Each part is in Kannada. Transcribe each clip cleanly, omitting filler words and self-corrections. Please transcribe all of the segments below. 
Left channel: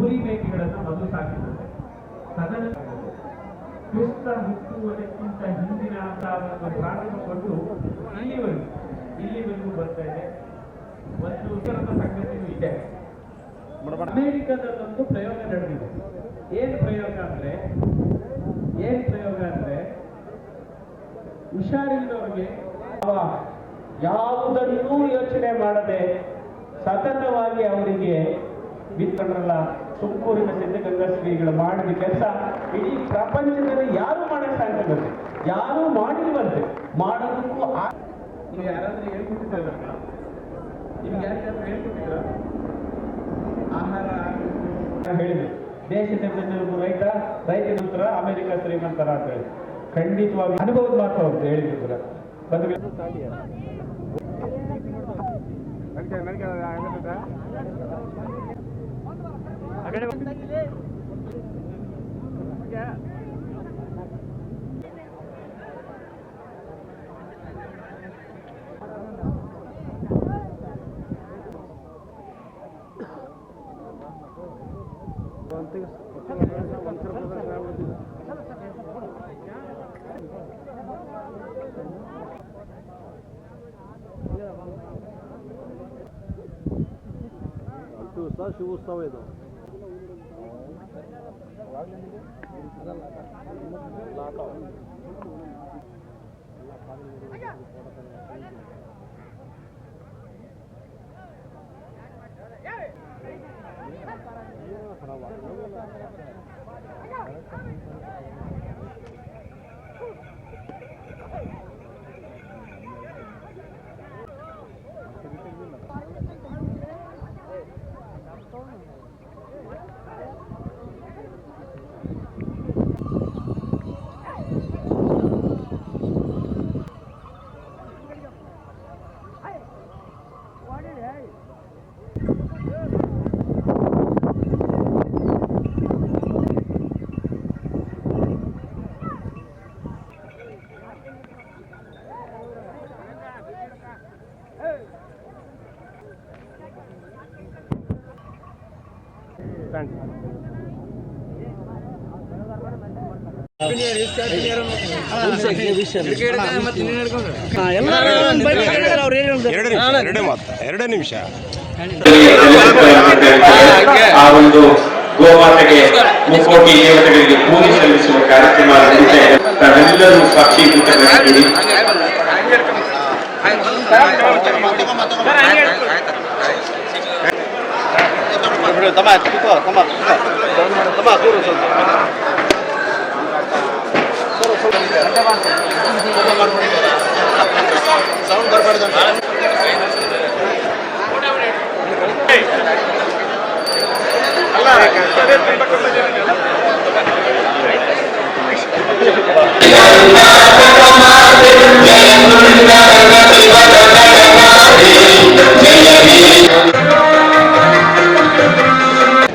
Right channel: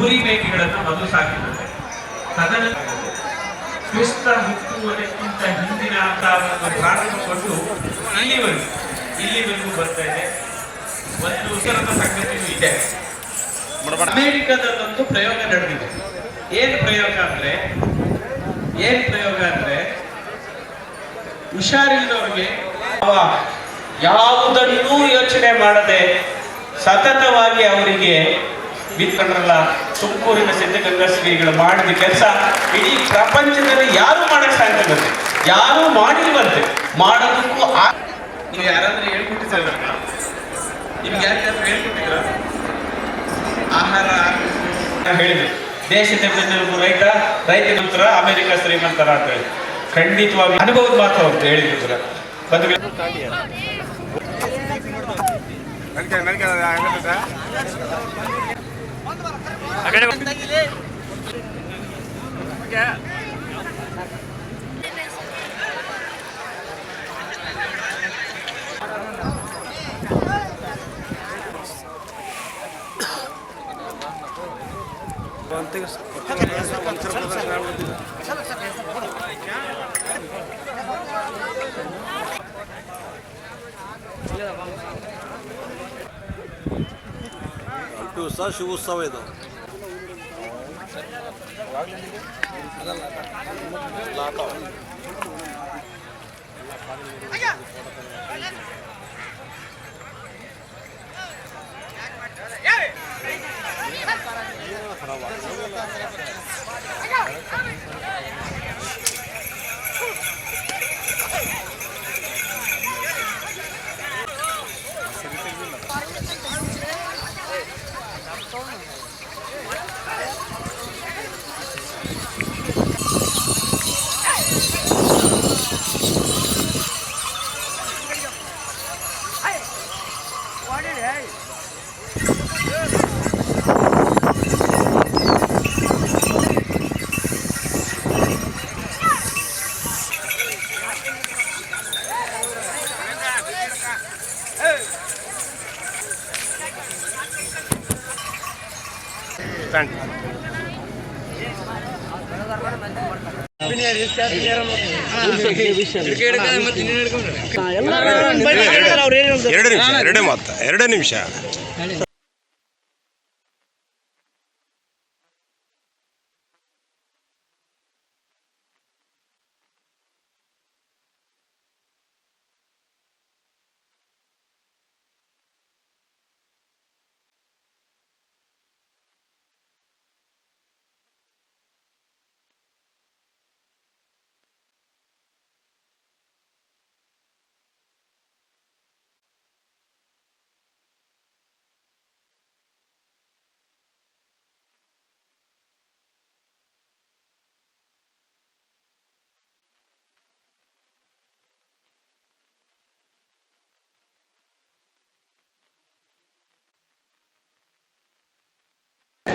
ಕುರಿ ಮೇಕೆಗಳನ್ನು ಮೊದಲು ಸಾಕಿದ್ದಾರೆ. ತದನಂತರ ಕ್ರಿಸ್ತ ಹುಟ್ಟುವುದಕ್ಕಿಂತ ಹಿಂದಿನ ಅಂತ ಒಂದು ಪ್ರಾರಂಭಗೊಂಡು ಇಲ್ಲಿವರೆಗೂ ಬರ್ತಾ ಇದೆ. ಒಂದು ಉಸರದ ಸಂಗತಿಯೂ ಇದೆ. ಅಮೆರಿಕದಲ್ಲೊಂದು ಪ್ರಯೋಗ ನಡೆದಿದೆ. ಏನು ಪ್ರಯೋಗ ಅಂದ್ರೆ ಹುಷಾರಿಲ್ಲದವ್ರಿಗೆ ಯಾವುದನ್ನೂ ಯೋಚನೆ ಮಾಡದೆ ಸತತವಾಗಿ ಅವರಿಗೆ ಬಿತ್ತಂದ್ರಲ್ಲ ತುಮಕೂರಿನ ಸಿದ್ಧಗಂಗಾ ಶ್ರೀಗಳು ಮಾಡಿದ ಕೆಲಸ ಇಡೀ ಪ್ರಪಂಚದಲ್ಲಿ ಯಾರು ಮಾಡಕ್ ಸಾಧ್ಯ ಬರುತ್ತೆ, ಯಾರು ಮಾಡಿಲ್ವಂತೆ. ಮಾಡೋದಕ್ಕೂ ನೀವು ಯಾರಾದ್ರೂ ಹೇಳ್ಕೊಟ್ಟಿದ್ರ, ನಿಮ್ಗೆ ಯಾರಿಗಾದ್ರೂ ಹೇಳ್ಕೊಟ್ಟಿದ್ರ? ಆಹಾರ ಹೇಳಿದ್ರು ದೇಶದ ಬೆನ್ನೆಲುಬು ರೈತ, ರೈತ ನಂತರ ಅಮೆರಿಕ ಶ್ರೀಮಂತರ ಅಂತ ಹೇಳಿ ಖಂಡಿತವಾಗಿ ಅನುಭವದ ಮಾತು ಅಂತ ಹೇಳಿದ್ರು. ಶಿವೋತ್ಸವ ಇದು. ಎರಡು ನಿಮಿಷ ಆ ಒಂದು ಗೋಮಾತೆಗೆ ಮುಕ್ಕೋಟಿ ದೇವತೆಗಳಿಗೆ ಪೂಜೆ ಸಲ್ಲಿಸುವ ಕಾರ್ಯಕ್ರಮ ನಡೆದಿದೆ. ತಾವೆಲ್ಲರೂ ಸಾಕ್ಷೀಭೂತರಾಗಿದ್ದೀರಿ.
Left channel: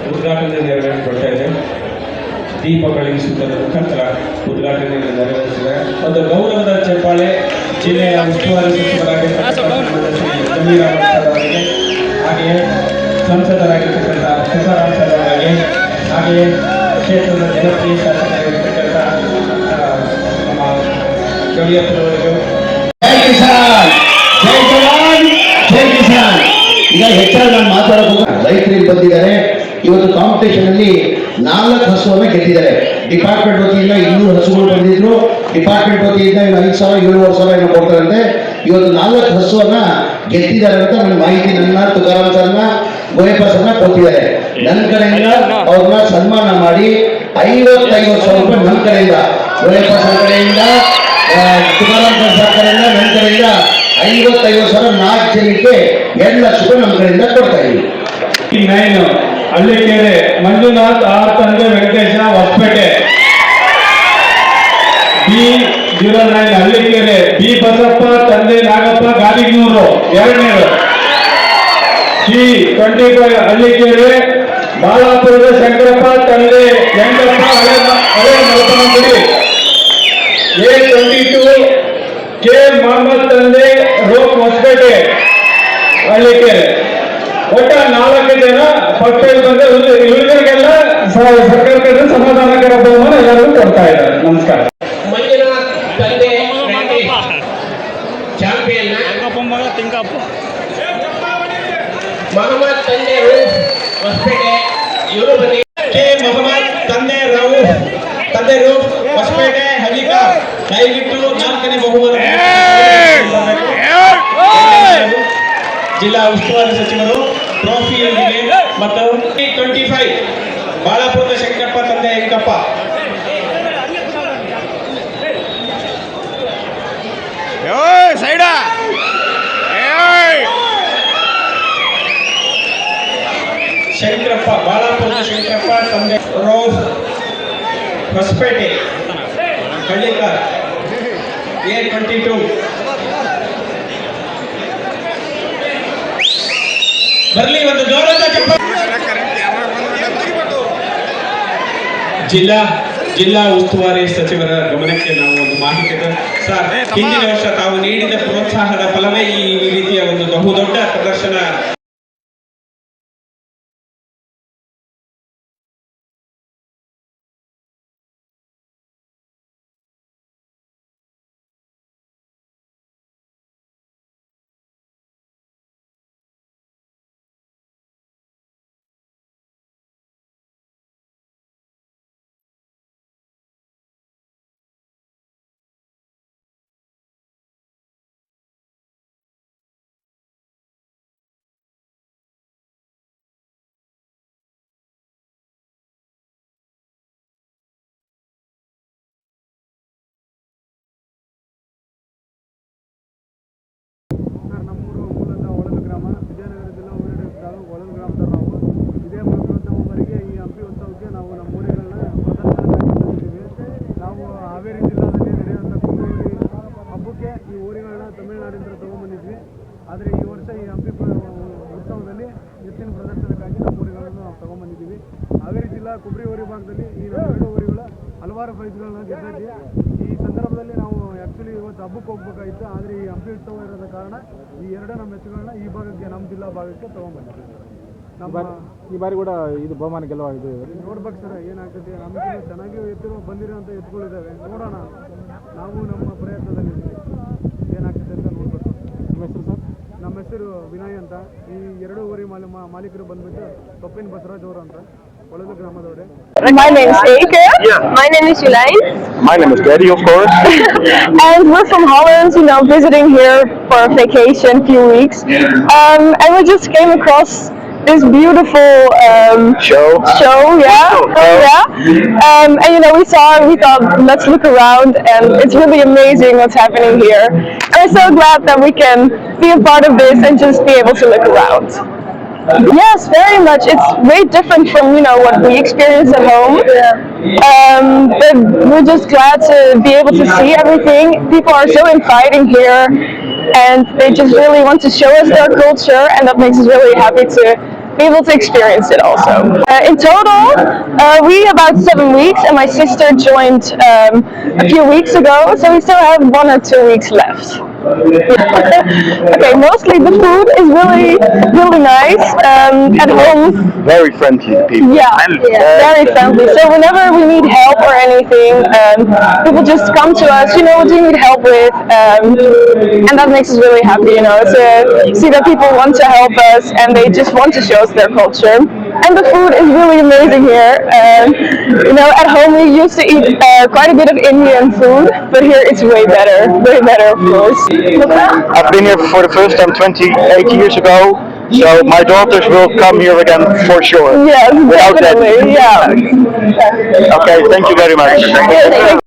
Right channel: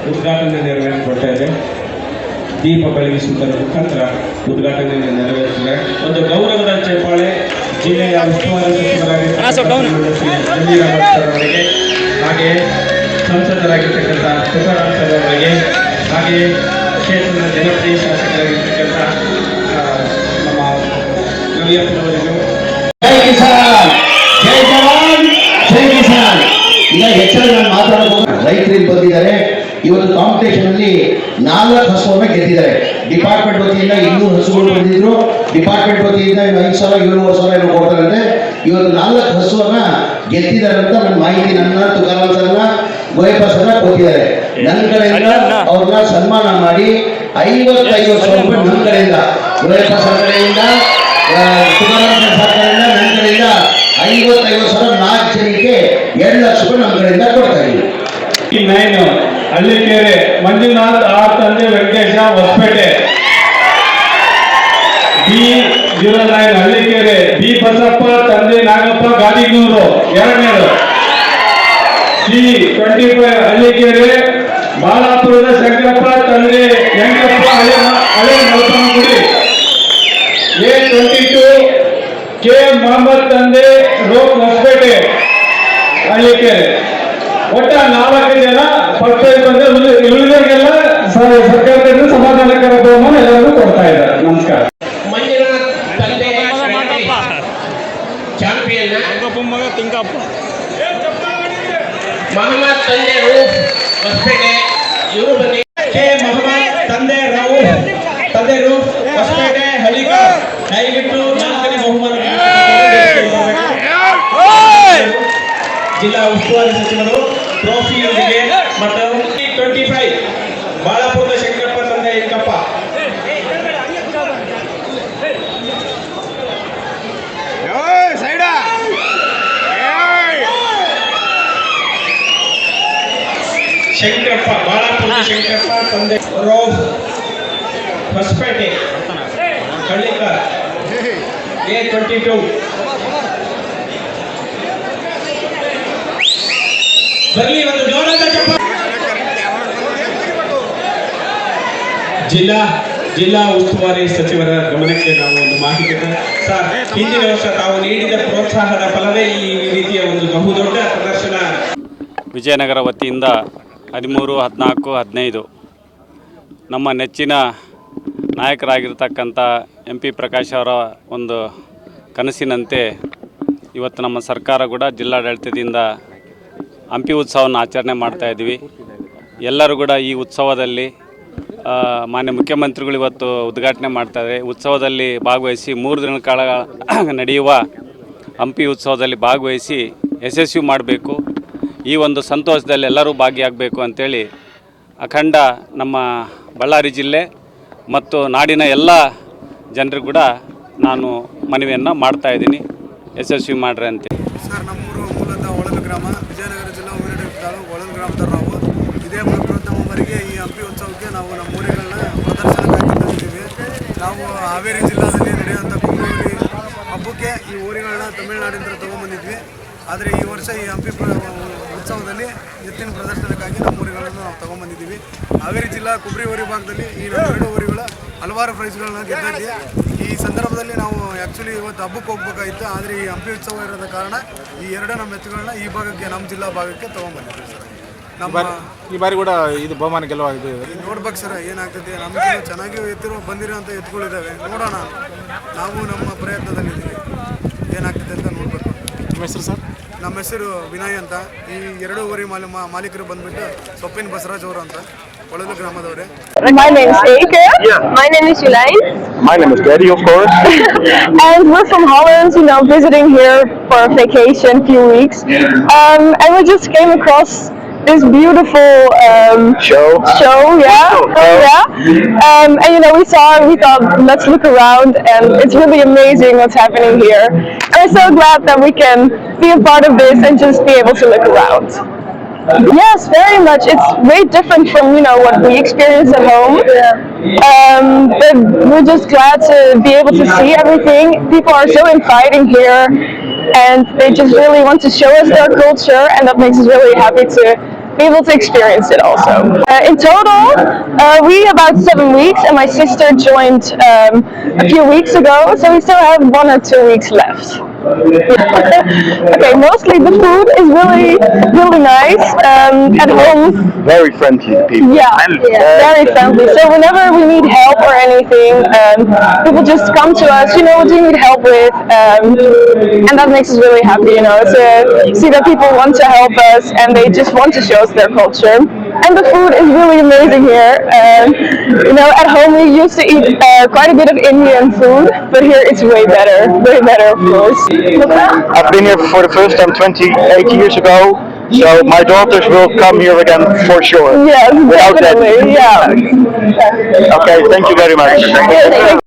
ಉದ್ಘಾಟನೆ ನೆರವೇರಿಸಿಕೊಳ್ತಾ ಇದೆ. ದೀಪ ಬೆಳಗಿಸುವುದರ ಮುಖಾಂತರ ಉದ್ಘಾಟನೆಯನ್ನು ನೆರವೇರಿಸಿದೆ. ಒಂದು ಗೌರವದ ಚಪ್ಪಾಳೆ ಜಿಲ್ಲೆಯ ಉಸ್ತುವಾರಿ ಸಚಿವರಾಗಿರ್ತಕ್ಕಂಥ ಅವರಿಗೆ, ಹಾಗೆಯೇ ಸಂಸದರಾಗಿರ್ತಕ್ಕಂಥ ತುಕಾರಾಂ ಸರ್ ಅವರಿಗೆ, ಹಾಗೆಯೇ ಕ್ಷೇತ್ರದ ಜನಪ್ರಿಯ ಶಾಸಕರಾಗಿರ್ತಕ್ಕಂಥ ನಮ್ಮ ಕವಿಯಪ್ಪನವರಿಗೂ. ಜೈ ಕಿಸಾನ್, ಜೈ ಜವಾನ್, ಜೈ ಕಿಸಾನ್. ಈಗ ಹೆಚ್ಚಾಗಿ ನಾನು ಮಾತಾಡಬಹುದು. ರೈತರಿಗೆ ಬಂದಿದ್ದಾರೆ. ಇವತ್ತು ಕಾಂಪಿಟೇಷನ್ ಅಲ್ಲಿ 4 ಹಸುವನ್ನು ಗೆದ್ದಿದ್ದಾರೆ. ಡಿಪಾರ್ಟ್ಮೆಂಟ್ ವತಿಯಿಂದ 200 ಹಸುಗಳು ಬಂದಿದ್ರು. ಡಿಪಾರ್ಟ್ಮೆಂಟ್ ವತಿಯಿಂದ 5,000 7,000 ಕೊಡ್ತಾರಂತೆ. ಇವತ್ತು 4 ಹಸುವನ್ನ ಗೆದ್ದಿದ್ದಾರೆ ಅಂತ ನನ್ನ ಮಾಹಿತಿ ನನ್ನ ತುಕಾರಾಂ ಸರ್ನ ಗೋಯಪ್ಪ ಸರ್ನ ಕೊಟ್ಟಿದ್ದಾರೆ. ನನ್ನ ಕಡೆಯಿಂದ ಅವ್ರನ್ನ ಸನ್ಮಾನ ಮಾಡಿ 55,000 ರೂಪಾಯಿ ನನ್ನ ಕಡೆಯಿಂದ, ಗೋಯಪ್ಪ ಸರ್ ಕಡೆಯಿಂದ, ತುಕಾರಾಂ ಸರ್ ಕಡೆಯಿಂದ, ನನ್ನ ಕಡೆಯಿಂದ 55,000 4 ಜನಕ್ಕೆ 2 ಲಕ್ಷ ರೂಪಾಯಿ ನಮ್ಮ ಕಡೆಯಿಂದ ಕೊಡ್ತಾ ಇದ್ದೀವಿ. ಹಳ್ಳಿಕೆರೆ ಮಂಜುನಾಥ್ ಆರ್ ತಂದೆ ವೆಂಕಟೇಶ ಹೊಸಪೇಟೆ. B09 ಹಳ್ಳಿಕೆರೆ ಬಿ ಬಸಪ್ಪ ತಂದೆ ನಾಗಪ್ಪ ಗಾದಿಗೂರು 2ನೇದು. C25 ಹಳ್ಳಿಕೆರೆ ಬಾಲಾಪುರದ ಶಂಕರಪ್ಪ ತಂದೆ ವೆಂಕಟಪ್ಪ ಹಳೆ ಮಲ್ಪನಗುಡಿ. A22 ಕೆ ಮೊಹಮ್ಮದ್ ತಂದೆ ರೋಕ್ ಹೊಸಪೇಟೆ ಹಳ್ಳಿಕೆರೆ. ಒಟ್ಟ 4 ಜನ ಫಸ್ಟ್ ಪ್ರೈಸ್ ಬಂದು ಉಳಿದವರಿಗೆಲ್ಲ ರೋಸ್ ಹೊಸಪೇಟೆ ಕಳ್ಳಿಕರ್ A22 ಬರಲಿ ಒಂದು ಜೋರಾದ ಚಪ್ಪಾಳೆ. ಜಿಲ್ಲಾ ಉಸ್ತುವಾರಿ ಸಚಿವರ ಗಮನಕ್ಕೆ ನಾವು ಒಂದು ಮಾಹಿತಿ ಸರ್, ಹಿಂದಿನ ವರ್ಷ ತಾವು ನೀಡಿದ ಪ್ರೋತ್ಸಾಹದ ಫಲವೇ ಈ ರೀತಿಯ ಒಂದು ಬಹುದೊಡ್ಡ ಪ್ರದರ್ಶನ. ವಿಜಯನಗರ ವತಿಯಿಂದ 13, 14, 15 ನಮ್ಮ ನೆಚ್ಚಿನ ನಾಯಕರಾಗಿರ್ತಕ್ಕಂಥ MP ಪ್ರಕಾಶ್ ಅವರ ಒಂದು ಕನಸಿನಂತೆ ಇವತ್ತು ನಮ್ಮ ಸರ್ಕಾರ ಕೂಡ ಜಿಲ್ಲಾಡಳಿತದಿಂದ ಹಂಪಿ ಉತ್ಸವವನ್ನು ಆಚರಣೆ ಮಾಡ್ತಾಯಿದ್ವಿ. ಎಲ್ಲರೂ ಕೂಡ ಈ ಉತ್ಸವದಲ್ಲಿ ಮಾನ್ಯ ಮುಖ್ಯಮಂತ್ರಿಗಳು ಇವತ್ತು ಉದ್ಘಾಟನೆ ಮಾಡ್ತಾಯಿದ್ದಾರೆ. ಉತ್ಸವದಲ್ಲಿ ಭಾಗವಹಿಸಿ 3 ದಿನಗಳ ಕಾಲ ನಡೆಯುವ ಹಂಪಿ ಉತ್ಸವದಲ್ಲಿ ಭಾಗವಹಿಸಿ ಯಶಸ್ವಿ ಮಾಡಬೇಕು. ಈ ಒಂದು ಸಂತೋಷದಲ್ಲಿ ಎಲ್ಲರೂ ಭಾಗಿಯಾಗಬೇಕು ಅಂಥೇಳಿ ಅಖಂಡ ನಮ್ಮ ಬಳ್ಳಾರಿ ಜಿಲ್ಲೆ ಮತ್ತು ನಾಡಿನ ಎಲ್ಲ ಜನರಿಗೂ ಕೂಡ ನಾನು ಮನವಿಯನ್ನು ಮಾಡ್ತಾಯಿದ್ದೀನಿ, ಯಶಸ್ವಿ ಮಾಡ್ರಿ ಅಂತ. ಸರ್, ನಮ್ಮೂರು ಮೂಲತಃ ಒಳಲು ಗ್ರಾಮ, ವಿಜಯನಗರ ಜಿಲ್ಲಾ ಊರಿನ ತಾಲೂಕು ಒಳಲು ಗ್ರಾಮದವರು ನಾವು. ಇದೇ ಪ್ರಪ್ರಥಮ ಬಾರಿಗೆ ಈ ಹಂಪಿ ಉತ್ಸವಕ್ಕೆ ನಾವು ನಮ್ಮ ಊರುಗಳನ್ನ ಪ್ರದರ್ಶನಕ್ಕಾಗಿ ತಂದಿದ್ದೀವಿ. ನಾವು ಹಾವೇರಿ ಜಿಲ್ಲಾದಲ್ಲಿ ನಡೆಯುವಂಥ ಕುಂಬ್ಳೂರಿ ಹಬ್ಬಕ್ಕೆ ಈ ಊರುಗಳನ್ನ ತಮಿಳುನಾಡಿಂದ ತೊಗೊಂಬಂದಿದ್ವಿ. ಆದರೆ ಈ ವರ್ಷ ಈ ಹಂಪಿ ಉತ್ಸವದಲ್ಲಿ ಎತ್ತಿನ ಪ್ರದರ್ಶನಕ್ಕಾಗಿ ನಮ್ಮ ಊರುಗಳನ್ನು ನಾವು ತೊಗೊಂಬಂದಿದ್ದೀವಿ. ಹಾವೇರಿ ಜಿಲ್ಲಾ ಕುಬ್ರಿ ಊರಿ ಭಾಗದಲ್ಲಿ ಈ 2 ಊರುಗಳ ಹಲವಾರು ಪ್ರೈಸ್ಗಳನ್ನ ಗೆದ್ದಿದ್ವಿ. ಈ ಸಂದರ್ಭದಲ್ಲಿ ನಾವು ಆ್ಯಕ್ಚುಲಿ ಇವತ್ತು ಹಬ್ಬಕ್ಕೆ ಹೋಗ್ಬೇಕಾಗಿತ್ತು, ಆದರೆ ಈ ಹಂಪಿ ಉತ್ಸವ ಇರೋದ ಕಾರಣ ಈ 2 ನಮ್ಮ ಎತ್ತುಗಳನ್ನ ಈ ಭಾಗಕ್ಕೆ, ನಮ್ಮ ಜಿಲ್ಲಾ ಭಾಗಕ್ಕೆ ತೊಗೊಂಬಂದಿದ್ದೀವಿ ಸರ್. ನಮ್ಮ ಈ ಬಾರಿ ಕೂಡ ಇದು ಬಹುಮಾನ ಗೆಲ್ಲುವ ಇದು ನೋಡ್ಬೇಕು ಸರ್ ಏನಾಗ್ತದೆ. ನಮಗೆ ಚೆನ್ನಾಗಿ ಬಂದಿರೋಂಥ ಎತ್ತುಗಳಿದ್ದಾವೆ, ನೋಡೋಣ. ನಾವು ನಮ್ಮ ಪ್ರಯತ್ನದಲ್ಲಿದ್ದೀವಿ, ಏನಾಗ್ತದೆ ಅಂತ ನೋಡಬೇಕು. ನಿಮ್ಮ ಹೆಸರು ಸರ್? ನಮ್ಮ ಹೆಸರು ವಿನಯ್ ಅಂತ. ಈ 2 ಊರಿ ಮಾಲೀಕರು ಬಂದ್ಬಿಟ್ಟು ಸೊಪ್ಪಿನ ಬಸವರಾಜ್ ಅವರು ಅಂತ, ಒಳಲು ಗ್ರಾಮದವರೇ. My name is Eke. My name is Jolijn. My name is Daddy, of course. And we're from Holland, visiting here for a vacation, few weeks. And we just came across this beautiful Show. yeah. And we saw it, we thought, let's look around, and it's really amazing what's happening here. And we're so glad that we can be a part of this and just be able to look around. Yes, very much. It's way different from what we experience at home. But we're just glad to be able to see everything. People are so inviting here, and they just really want to show us their culture, and that makes us really happy to be able to experience it also. In total, we about 7 weeks, and my sister joined a few weeks ago, so we still have 1 or 2 weeks left. Okay, mostly the food is really nice. At home, Very friendly people. yeah, very friendly. So whenever we need help or anything, people just come to us. What do you need help with? And that makes us really happy. To see that people want to help us and they just want to show us their culture. And the food is really amazing here. At home we used to eat quite a bit of Indian food, but here it's way better, of course. I've been here for the first time 28 years ago, so my daughters will come here again for sure. Yes, Without that. definitely. Yeah. Okay, thank you very much.